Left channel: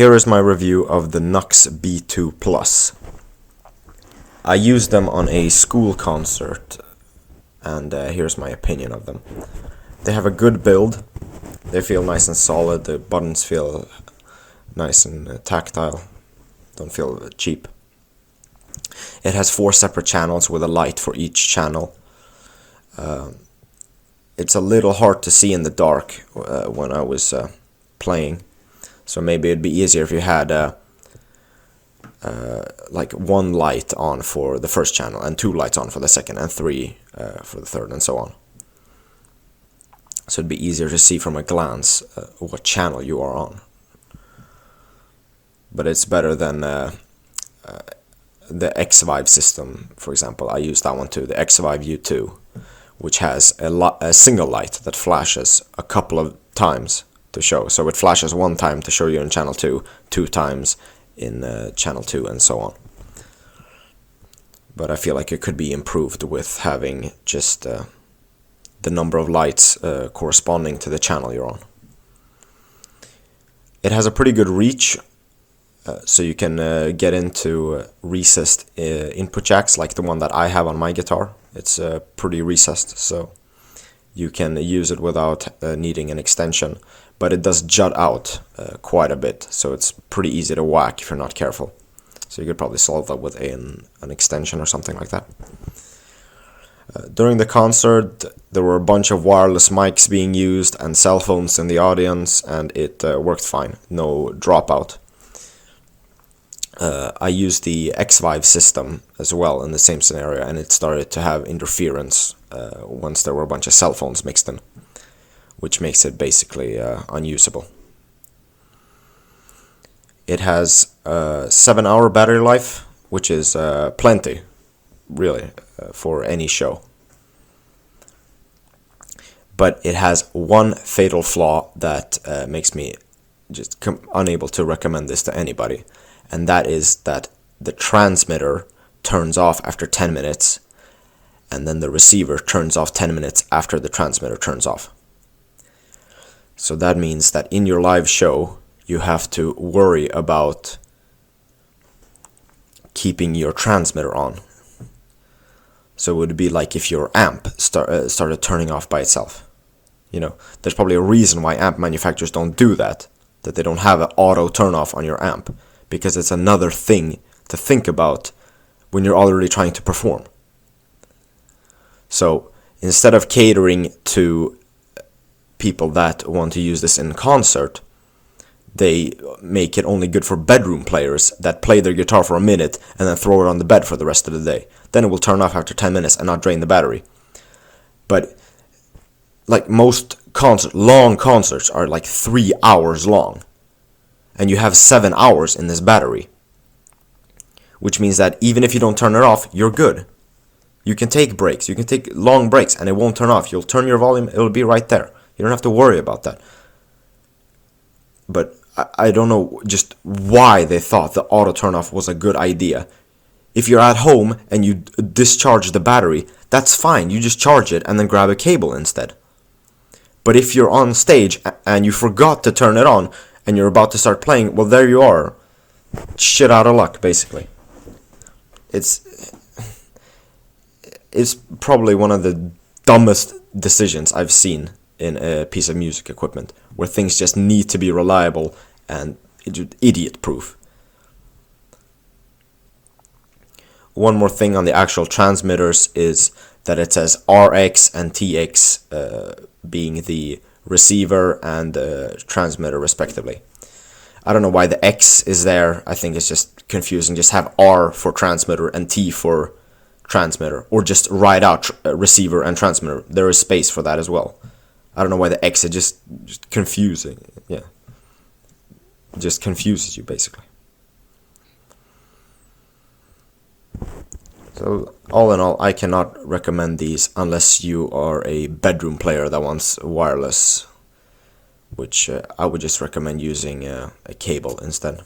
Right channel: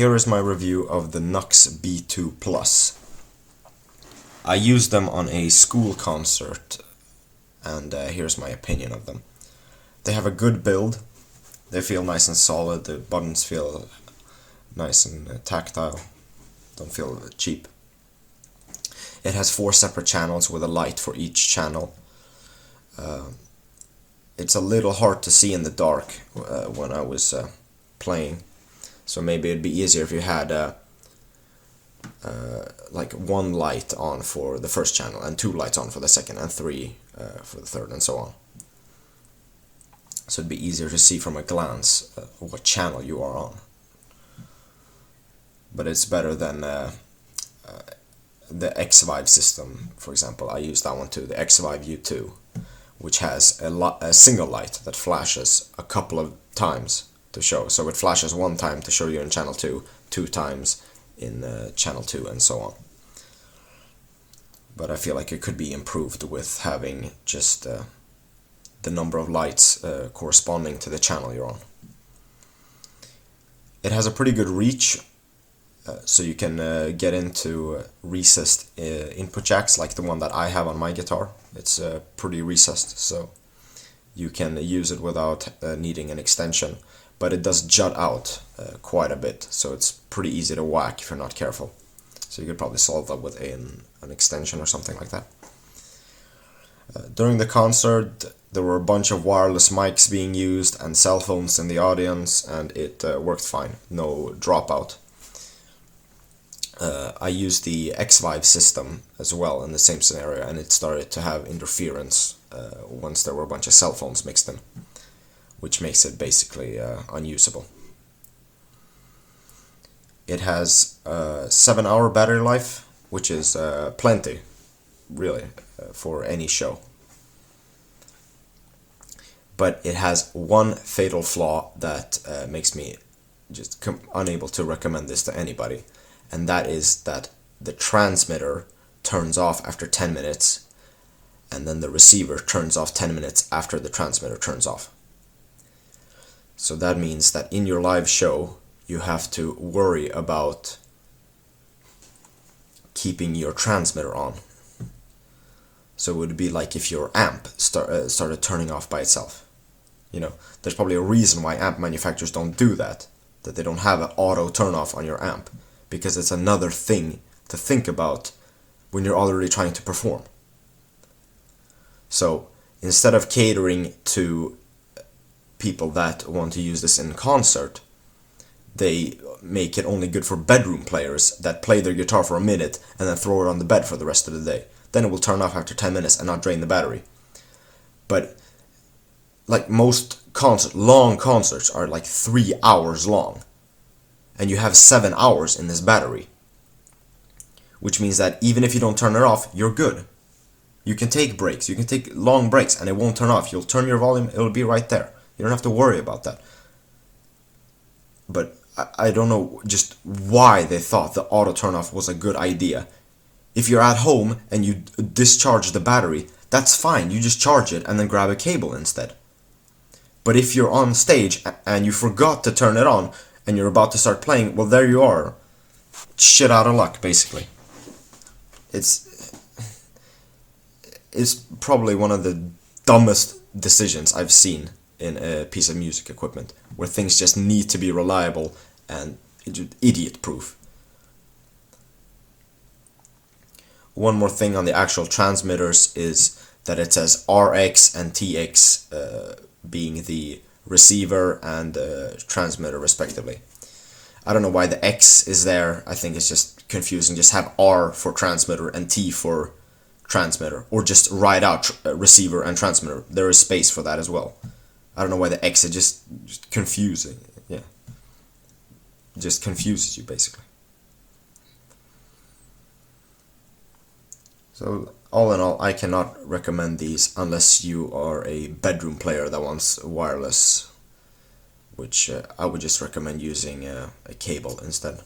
Here is my review of the NUX B-2 Plus. I used them on a school concert, and here's my opinion of them. They have a good build. They feel nice and solid. The buttons feel nice and tactile. Don't feel cheap. It has 4 separate channels with a light for each channel. It's a little hard to see in the dark when I was playing, so maybe it'd be easier if you had like 1 light on for the first channel and 2 lights on for the second and 3 for the third and so on. So it'd be easier to see from a glance what channel you are on. But it's better than the X-Vive system, for example. I use that one too, the X-Vive U2, which has a single light that flashes a couple of times to show. So it flashes 1 time to show you in channel 2, 2 times in channel 2, and so on. But I feel like it could be improved with having just the number of lights corresponding to the channel you're on. It has a pretty good reach, so you can get into recessed input jacks like the one that I have on my guitar. It's pretty recessed, so you can use it without needing an extension, but it does jut out quite a bit, so it's pretty easy to whack if you're not careful. So you could probably solve that with an extension or something like that. During the concert, there were a bunch of wireless mics being used and cell phones in the audience, and it worked fine, no dropout. I used the X-Vive system as well in the same scenario, and it started to have interference once there were a bunch of cell phones mixed in, which makes it basically unusable. It has a 7-hour battery life, which is plenty, really, for any show. But it has one fatal flaw that makes me just unable to recommend this to anybody. And that is that the transmitter turns off after 10 minutes, and then the receiver turns off 10 minutes after the transmitter turns off. So that means that in your live show, you have to worry about keeping your transmitter on. So it would be like if your amp started turning off by itself. You know, there's probably a reason why amp manufacturers don't do that they don't have an auto turn off on your amp. Because it's another thing to think about when you're already trying to perform. So instead of catering to people that want to use this in concert, they make it only good for bedroom players that play their guitar for a minute and then throw it on the bed for the rest of the day. Then it will turn off after 10 minutes and not drain the battery. But like most long concerts are like 3 hours long. And you have 7 hours in this battery, which means that even if you don't turn it off, you're good. You can take breaks, you can take long breaks, and it won't turn off. You'll turn your volume, it'll be right there. You don't have to worry about that. But I don't know just why they thought the auto turn off was a good idea. If you're at home and you discharge the battery, that's fine. You just charge it and then grab a cable instead. But if you're on stage and you forgot to turn it on, and you're about to start playing, well, there you are. Shit out of luck, basically. It's probably one of the dumbest decisions I've seen in a piece of music equipment, where things just need to be reliable and idiot-proof. One more thing on the actual transmitters is that it says RX and TX being the receiver and transmitter respectively. I don't know why the X is there. I think it's just confusing. Just have R for transmitter and T for transmitter, or just write out receiver and transmitter. There is space for that as well. I don't know why the X is just confusing. Yeah, it just confuses you basically. So all in all, I cannot recommend these unless you are a bedroom player that wants wireless, which I would just recommend using a cable instead.